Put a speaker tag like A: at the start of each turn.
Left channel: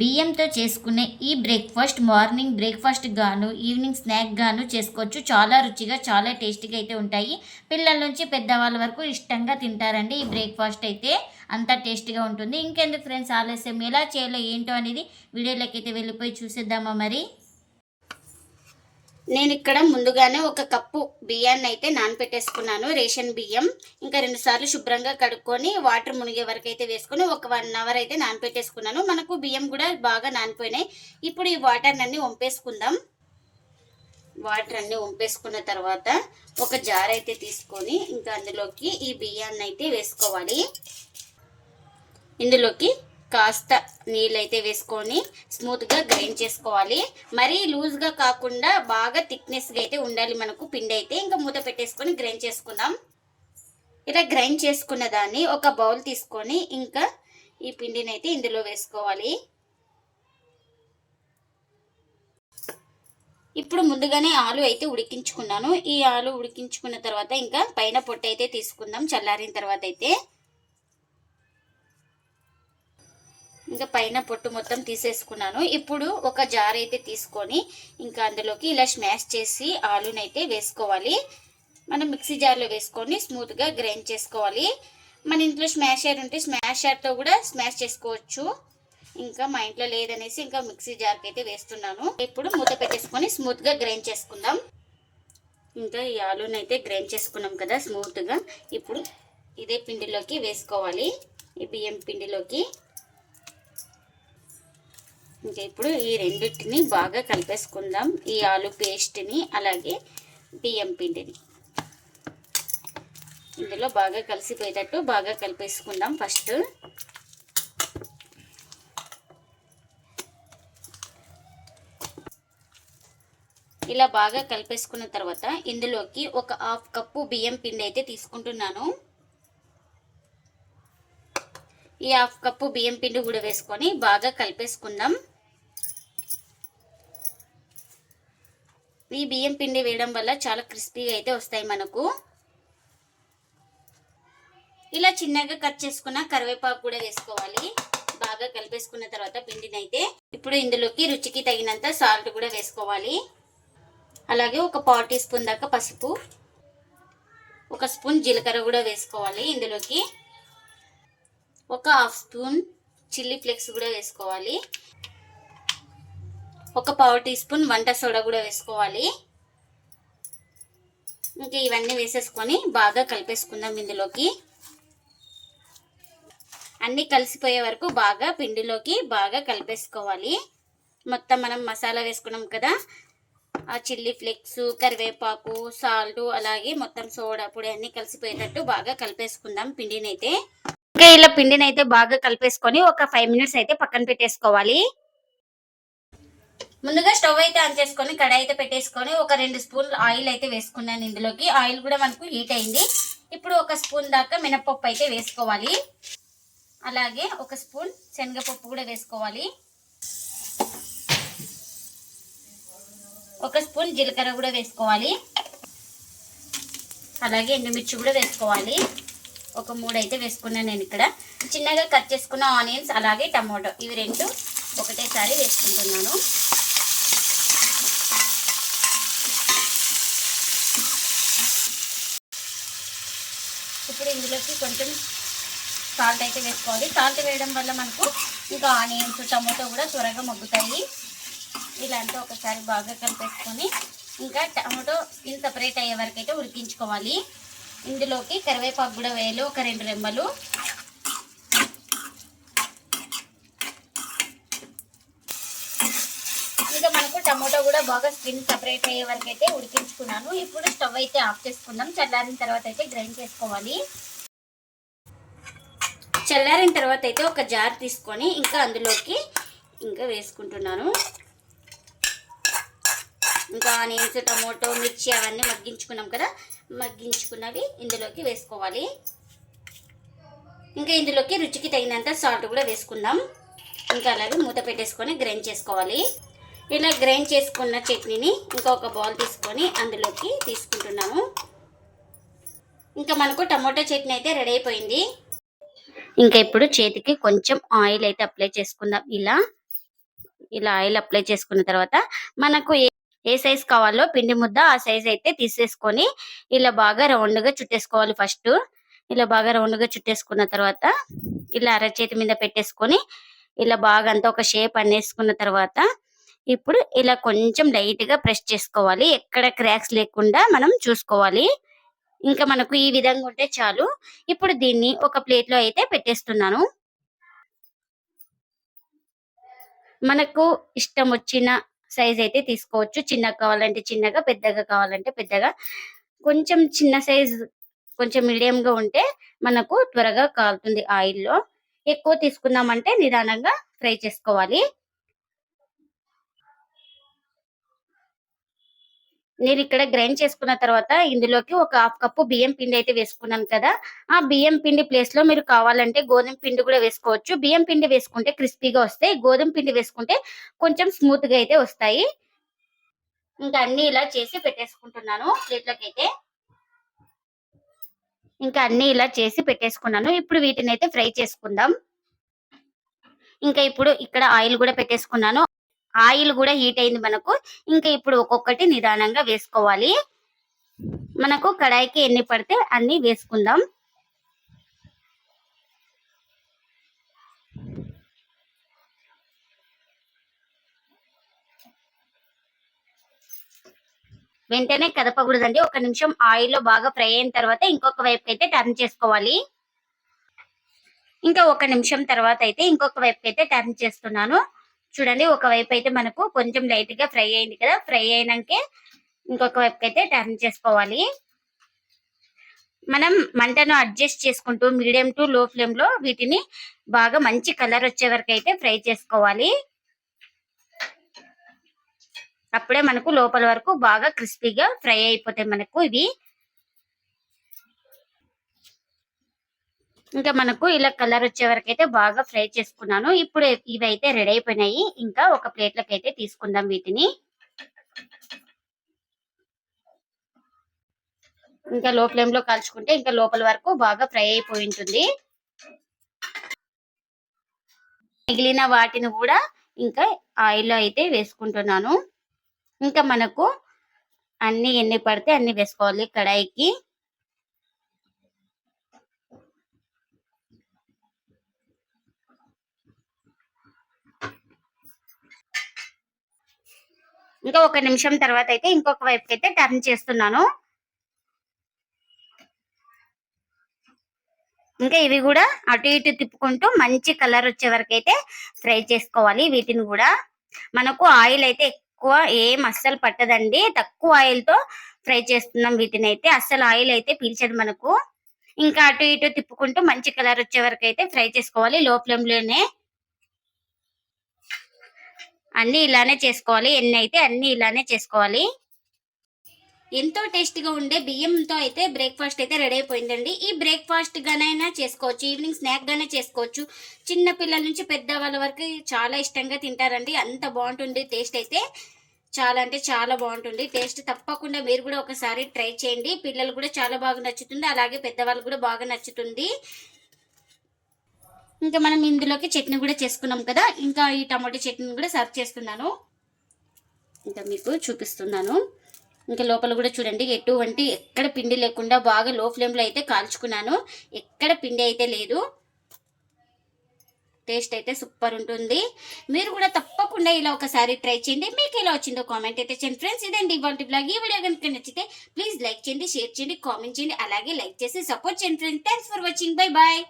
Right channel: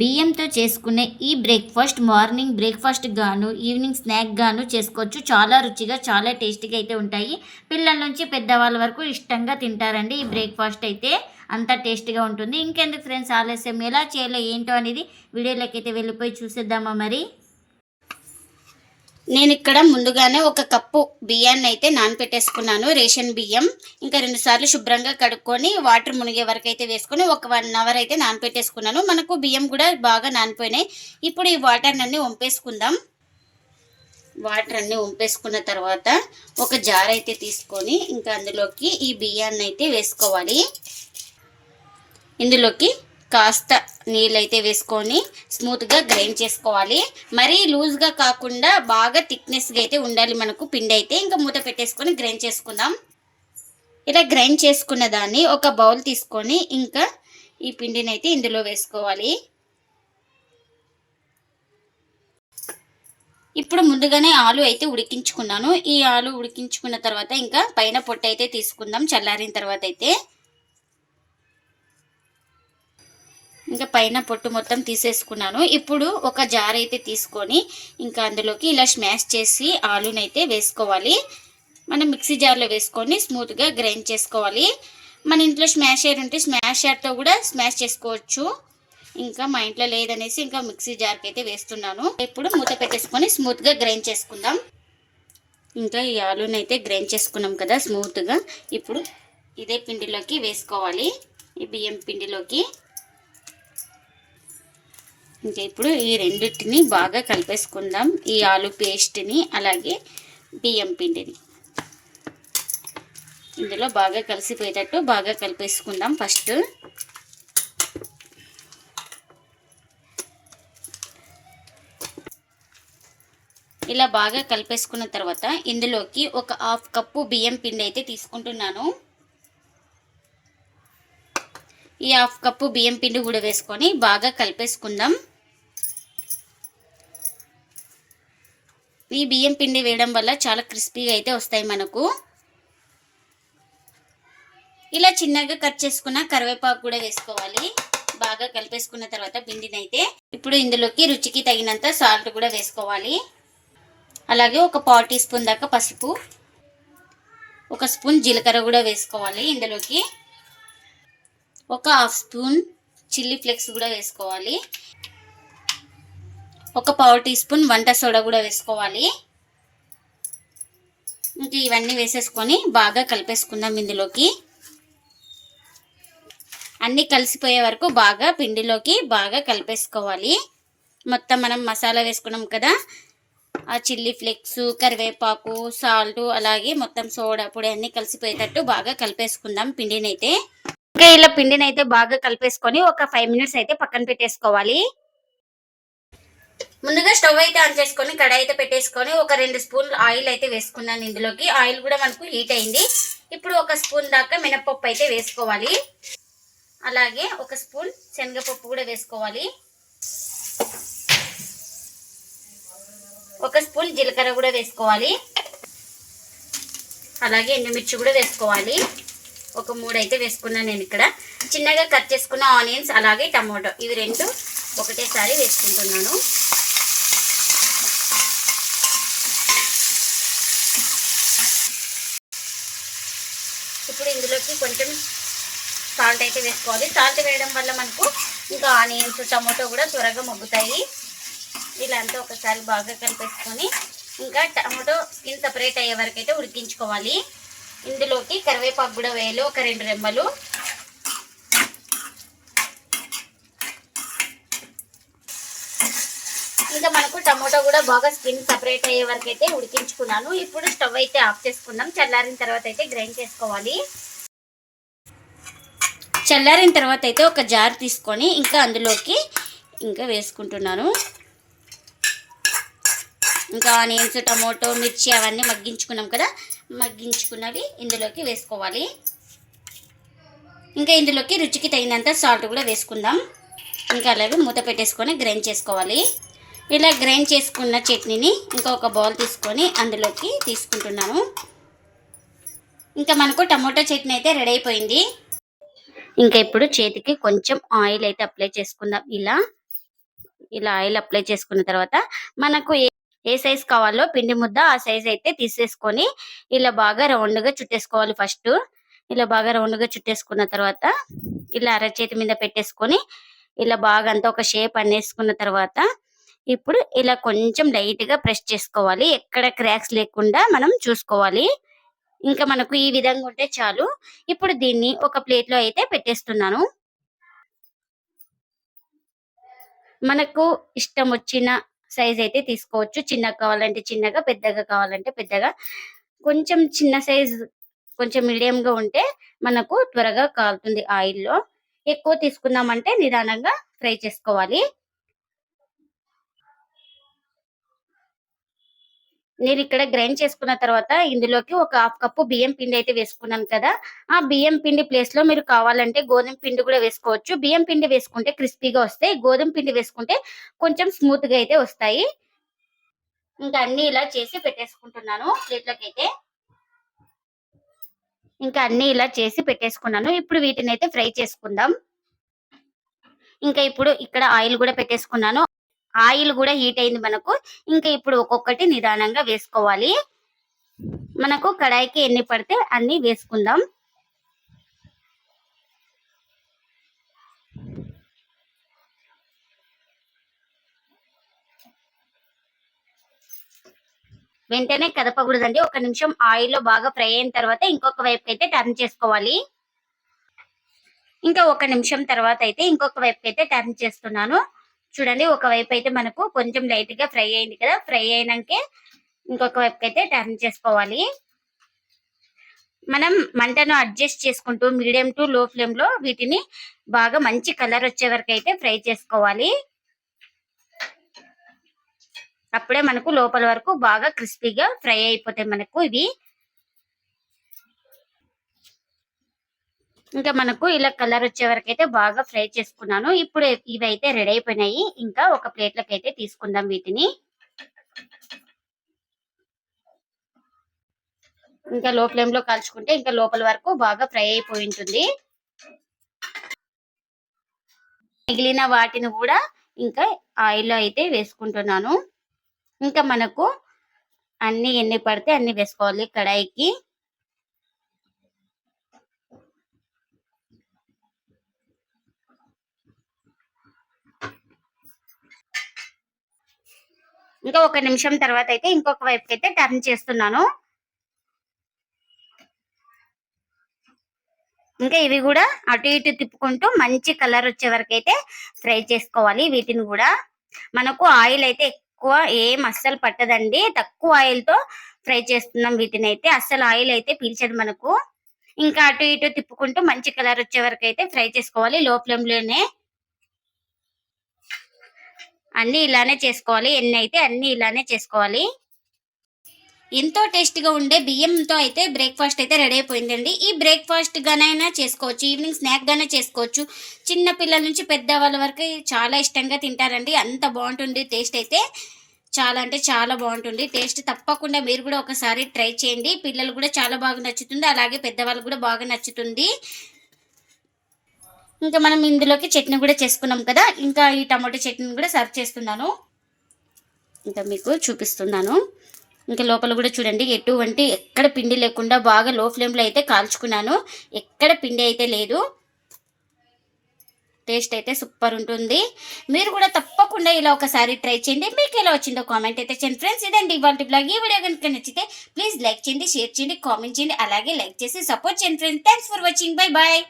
A: బియ్యంతో చేసుకునే ఈ బ్రేక్ఫాస్ట్ మార్నింగ్ బ్రేక్ఫాస్ట్ గాను ఈవినింగ్ స్నాక్ గాను చేసుకోవచ్చు. చాలా రుచిగా చాలా టేస్టీగా అయితే ఉంటాయి. పిల్లల నుంచి పెద్దవాళ్ళ వరకు ఇష్టంగా తింటారండి ఈ బ్రేక్ఫాస్ట్ అయితే. అంత టేస్టీగా ఉంటుంది. ఇంకెందుకు ఫ్రెండ్స్ ఆలస్యం ఎలా చేయాలో ఏంటో అనేది వీడియోలోకి అయితే వెళ్ళిపోయి చూసేద్దామా మరి?
B: నేను ఇక్కడ ముందుగానే ఒక కప్పు బియ్యాన్ని అయితే నానపెట్టేసుకున్నాను రేషన్ బియ్యం. ఇంకా రెండు సార్లు శుభ్రంగా కడుక్కొని వాటర్ మునిగే వరకు అయితే వేసుకొని ఒక వన్ అవర్ అయితే నానపెట్టేసుకున్నాను. మనకు బియ్యం కూడా బాగా నానిపోయినాయి. ఇప్పుడు ఈ వాటర్ అన్ని వంపేసుకుందాం. వాటర్ అన్ని వంపేసుకున్న తర్వాత ఒక జార్ అయితే తీసుకొని ఇంకా అందులోకి ఈ బియ్యాన్ని అయితే వేసుకోవాలి. ఇందులోకి కాస్త నీళ్ళైతే వేసుకొని స్మూత్గా గ్రైండ్ చేసుకోవాలి. మరీ లూజ్గా కాకుండా బాగా థిక్నెస్గా అయితే ఉండాలి మనకు పిండి అయితే. ఇంకా మూత పెట్టేసుకొని గ్రైండ్ చేసుకుందాం. ఇలా గ్రైండ్ చేసుకున్న దాన్ని ఒక బౌల్ తీసుకొని ఇంకా ఈ పిండిని అయితే ఇందులో వేసుకోవాలి. ఇప్పుడు ముందుగానే ఆలు అయితే ఉడికించుకున్నాను. ఈ ఆలు ఉడికించుకున్న తర్వాత ఇంకా పైన పొట్టు అయితే తీసుకుందాం. చల్లారిన తర్వాత అయితే ఇంకా పైన పొట్టు మొత్తం తీసేసుకున్నాను. ఇప్పుడు ఒక జార్ అయితే తీసుకొని ఇంకా అందులోకి ఇలా స్మాష్ చేసి ఆలునైతే వేసుకోవాలి. మనం మిక్సీ జార్లో వేసుకొని స్మూత్గా గ్రైండ్ చేసుకోవాలి. మన ఇంట్లో స్మాషర్ ఉంటే స్మాషర్తో కూడా స్మాష్ చేసుకోవచ్చు. ఇంకా మా ఇంట్లో లేదనేసి ఇంకా మిక్సీ జార్కి అయితే వేస్తున్నాను. ఇప్పుడు మూత పెట్టేసుకొని స్మూత్గా గ్రైండ్ చేసుకుందాం. ఇంకా ఈ ఆలుని అయితే గ్రైండ్ చేసుకున్నాం కదా స్మూత్గా. ఇప్పుడు ఇదే పిండిలోకి వేసుకోవాలి. ఈ బియ్యం పిండిలోకి. ఇంకా ఇప్పుడు ఈ రెండింటిని బాగా కలిపేసుకుందాం. ఈ ఆలు పేస్ట్ని అలాగే బియ్యం పిండిని. ఇందులో బాగా కలిసిపోయేటట్టు బాగా కలిపేసుకుందాం ఫస్ట్. ఇలా బాగా కలిపేసుకున్న తర్వాత ఇందులోకి ఒక హాఫ్ కప్పు బియ్యం పిండి అయితే తీసుకుంటున్నాను. ఈ హాఫ్ కప్పు బియ్యం పిండి కూడా వేసుకొని బాగా కలిపేసుకుందాం. ఈ బియ్యం పిండి వేయడం వల్ల చాలా క్రిస్పీగా అయితే వస్తాయి మనకు. ఇలా చిన్నగా కట్ చేసుకున్న కరివేపాకు కూడా వేసుకోవాలి. బాగా కలిపేసుకున్న తర్వాత పిండిని అయితే ఇప్పుడు ఇందులోకి రుచికి తగినంత సాల్ట్ కూడా వేసుకోవాలి. అలాగే ఒక పావు టీ స్పూన్ దాకా పసుపు ఒక స్పూన్ జీలకర్ర కూడా వేసుకోవాలి ఇందులోకి. ఒక హాఫ్ స్పూన్ చిల్లీ ఫ్లేక్స్ కూడా వేసుకోవాలి. ఒక పావు టీ స్పూన్ వంట సోడా కూడా వేసుకోవాలి. ఇంకా ఇవన్నీ వేసేసుకొని బాగా కలిపేసుకుందాం ఇందులోకి. అన్నీ కలిసిపోయే వరకు బాగా పిండిలోకి బాగా కలిపేసుకోవాలి. మొత్తం మనం మసాలా వేసుకున్నాం కదా. ఆ చిల్లీ ఫ్లేక్స్ కరివేపాకు సాల్ట్ అలాగే మొత్తం సోడా పొడి అన్నీ కలిసిపోయేటట్టు బాగా కలిపేసుకుందాం పిండిని అయితే ఇంకా ఇలా పిండిని అయితే బాగా కలిపేసుకొని ఒక ఫైవ్ మినిట్స్ అయితే పక్కన పెట్టేసుకోవాలి. ముందుగా స్టవ్ అయితే ఆన్ చేసుకొని కడాయి అయితే పెట్టేసుకొని ఒక రెండు స్పూన్ ఆయిల్ అయితే వేసుకున్నాను ఇందులోకి. ఆయిల్ కూడా మనకు హీట్ అయింది. ఇప్పుడు ఒక స్పూన్ దాకా మినపప్పు అయితే వేసుకోవాలి. అలాగే ఒక స్పూన్ శనగపప్పు కూడా వేసుకోవాలి. ఒక స్పూన్ జీలకర్ర కూడా వేసుకోవాలి. అలాగే ఎండుమిర్చి కూడా వేసుకోవాలి. ఒక మూడు అయితే వేసుకున్నాను నేను ఇక్కడ. చిన్నగా కట్ చేసుకున్న ఆనియన్స్ అలాగే టమాటో ఇవి రెండు ఒకటేసారి వేసుకుంటున్నాను ఇప్పుడు ఇందులోకి కొంచెం సాల్ట్ అయితే వేసుకోవాలి. సాల్ట్ వేయడం వల్ల మనకు ఇంకా ఆనియన్స్ టమాటో కూడా త్వరగా మగ్గుతాయి. ఇలా అంతా ఒకసారి బాగా కలిపేసుకొని ఇంకా టమాటో స్కిన్ సపరేట్ అయ్యే వరకు అయితే ఉడికించుకోవాలి. ఇందులోకి కరివేపాకు కూడా వేయాలి ఒక రెండు రెమ్మలు. ఇంకా మనకు టమాటో కూడా బాగా స్కిన్ సపరేట్ అయ్యే వరకు అయితే ఉడికించుకున్నాను. ఇప్పుడు స్టవ్ అయితే ఆఫ్ చేసుకుందాం. చల్లారిన తర్వాత అయితే గ్రైండ్ చేసుకోవాలి. చల్లారిన తర్వాత అయితే ఒక జార్ తీసుకొని ఇంకా అందులోకి ఇంకా వేసుకుంటున్నాను. ఇంకా ఆనియన్స్ టమోటో మిర్చి అవన్నీ మగ్గించుకున్నాం కదా మగ్గించుకున్నవి ఇందులోకి వేసుకోవాలి. ఇంకా ఇందులోకి రుచికి తగినంత సాల్ట్ కూడా వేసుకుందాం. ఇంకా అలాగే మూత పెట్టేసుకొని గ్రైండ్ చేసుకోవాలి. ఇలా గ్రైండ్ చేసుకున్న చట్నీని ఇంకా ఒక బౌల్ తీసుకొని అందులోకి తీసుకుంటున్నాను. ఇంకా మనకు టమోటా చట్నీ అయితే రెడీ అయిపోయింది. ఇంకా ఇప్పుడు చేతికి కొంచెం ఆయిల్ అయితే అప్లై చేసుకుందాం. ఇలా ఇలా ఆయిల్ అప్లై చేసుకున్న తర్వాత మనకు ఏ ఏ సైజ్ కావాలో పిండి ముద్ద ఆ సైజ్ అయితే తీసేసుకొని ఇలా బాగా రౌండ్గా చుట్టేసుకోవాలి ఫస్ట్. ఇలా బాగా రౌండ్గా చుట్టేసుకున్న తర్వాత ఇలా అరచేతి మీద పెట్టేసుకొని ఇలా బాగా అంతా ఒక షేప్ అనేసుకున్న తర్వాత ఇప్పుడు ఇలా కొంచెం లైట్గా ప్రెస్ చేసుకోవాలి. ఎక్కడ క్రాక్స్ లేకుండా మనం చూసుకోవాలి. ఇంకా మనకు ఈ విధంగా ఉంటే చాలు. ఇప్పుడు దీన్ని ఒక ప్లేట్లో అయితే పెట్టేస్తున్నాను. మనకు ఇష్టం వచ్చిన సైజ్ అయితే తీసుకోవచ్చు. చిన్నగా కావాలంటే చిన్నగా పెద్దగా కావాలంటే పెద్దగా. కొంచెం చిన్న సైజ్ కొంచెం మీడియం గా ఉంటే మనకు త్వరగా కాలుతుంది ఆయిల్లో. ఎక్కువ తీసుకున్నామంటే నిదానంగా ఫ్రై చేసుకోవాలి. నేను ఇక్కడ గ్రైండ్ చేసుకున్న తర్వాత ఇందులోకి ఒక హాఫ్ కప్పు బియ్యం పిండి అయితే వేసుకున్నాను కదా. ఆ బియ్యం పిండి ప్లేస్లో మీరు కావాలంటే గోధుమ పిండి కూడా వేసుకోవచ్చు. బియ్యం పిండి వేసుకుంటే క్రిస్పీగా వస్తాయి. గోధుమ పిండి వేసుకుంటే కొంచెం స్మూత్గా అయితే వస్తాయి. ఇంకా అన్ని ఇలా చేసి పెట్టేసుకుంటున్నాను ప్లేట్లోకి అయితే. ఇంకా అన్ని ఇలా చేసి పెట్టేసుకున్నాను. ఇప్పుడు వీటిని అయితే ఫ్రై చేసుకుందాం. ఇంకా ఇప్పుడు ఇక్కడ ఆయిల్ కూడా పెట్టేసుకున్నాను. ఆయిల్ కూడా హీట్ అయింది మనకు. ఇంకా ఇప్పుడు ఒక్కొక్కటి నిదానంగా వేసుకోవాలి. మనకు కడాయికి ఎన్ని పడితే అన్ని వేసుకుందాం. వెంటనే కదపకూడదండి. ఒక నిమిషం ఆయిల్లో బాగా ఫ్రై అయిన తర్వాత ఇంకొక వైపు అయితే టర్న్ చేసుకోవాలి. ఇంకా ఒక నిమిషం తర్వాత అయితే ఇంకొక వైపు అయితే టర్న్ చేస్తున్నాను. చూడండి ఒక వైపు అయితే మనకు కొంచెం లైట్గా ఫ్రై అయింది కదా ఫ్రై అయినాకే ఇంకొక వైపు అయితే టర్న్ చేసుకోవాలి. మనం మంటను అడ్జస్ట్ చేసుకుంటూ మీడియం టు లో ఫ్లేమ్లో వీటిని బాగా మంచి కలర్ వచ్చే వరకు అయితే ఫ్రై చేసుకోవాలి. అప్పుడే మనకు లోపల వరకు బాగా క్రిస్పీగా ఫ్రై అయిపోతాయి మనకు ఇవి. ఇంకా మనకు ఇలా కలర్ వచ్చే వరకు అయితే బాగా ఫ్రై చేసుకున్నాను. ఇప్పుడు ఇవి అయితే రెడీ అయిపోయినాయి. ఇంకా ఒక ప్లేట్లోకి అయితే తీసుకుందాం వీటిని. ఇంకా లో ఫ్లేమ్లో కాల్చుకుంటే ఇంకా లోపల వరకు బాగా ఫ్రై అయిపోయి ఉంటుంది. మిగిలిన వాటిని కూడా ఇంకా ఆయిల్ అయితే వేసుకుంటున్నాను. ఇంకా మనకు అన్ని ఎన్ని పడితే అన్ని వేసుకోవాలి కడాయికి. ఇంకా ఒక నిమిషం తర్వాత అయితే ఇంకొక వైపుకి అయితే టర్న్ చేస్తున్నాను. ఇంకా ఇవి కూడా అటు ఇటు తిప్పుకుంటూ మంచి కలర్ వచ్చే వరకు అయితే ఫ్రై చేసుకోవాలి. వీటిని కూడా మనకు ఆయిల్ అయితే ఎక్కువ ఏం అస్సలు పట్టదండి. తక్కువ ఆయిల్తో ఫ్రై చేస్తున్నాం వీటిని అయితే అస్సలు ఆయిల్ అయితే పీల్చదు మనకు. ఇంకా అటు ఇటు తిప్పుకుంటూ మంచి కలర్ వచ్చే వరకు అయితే ఫ్రై చేసుకోవాలి. లో ఫ్లేమ్లోనే అన్ని ఇలానే చేసుకోవాలి. ఎన్ని అయితే అన్ని ఇలానే చేసుకోవాలి. ఎంతో టేస్ట్గా ఉండే బియ్యంతో అయితే బ్రేక్ఫాస్ట్ అయితే రెడీ అయిపోయిందండి. ఈ బ్రేక్ఫాస్ట్ గానైనా చేసుకోవచ్చు ఈవినింగ్ స్నాక్ గానే చేసుకోవచ్చు. చిన్న పిల్లల నుంచి పెద్ద వాళ్ళ వరకు చాలా ఇష్టంగా తింటారండి. అంత బాగుంటుంది టేస్ట్ అయితే. చాలా అంటే చాలా బాగుంటుంది. టేస్ట్ తప్పకుండా మీరు కూడా ఒకసారి ట్రై చేయండి. పిల్లలు కూడా చాలా బాగా నచ్చుతుంది. అలాగే పెద్దవాళ్ళు కూడా బాగా నచ్చుతుంది. ఇంకా మనం ఇందులోకి చట్నీ కూడా చేసుకున్నాం కదా. ఇంకా ఈ టమాటో చట్నీ కూడా సర్వ్ చేస్తున్నాను. ఇంకా మీకు చూపిస్తున్నాను. ఇంకా లోపల కూడా చూడండి ఎటువంటి ఎక్కడ పిండి లేకుండా బాగా లో ఫ్లేమ్లో అయితే కాల్చుకున్నాను. ఎక్కడ పిండి అయితే లేదు. టేస్ట్ అయితే సూపర్ ఉంటుంది. మీరు కూడా తప్పకుండా ఇలా ఒకసారి ట్రై చేయండి. మీకు ఎలా వచ్చిందో కామెంట్ అయితే చేయండి. ఫ్రెండ్స్ ఇదండి ఇవాళ బ్లాగ్. ఈ వీడియో కనుక నచ్చితే ప్లీజ్ లైక్ చేయండి షేర్ చేయండి కామెంట్ చేయండి. అలాగే లైక్ చేసి సపోర్ట్ చేయండి. Friends thanks for watching. Bye bye.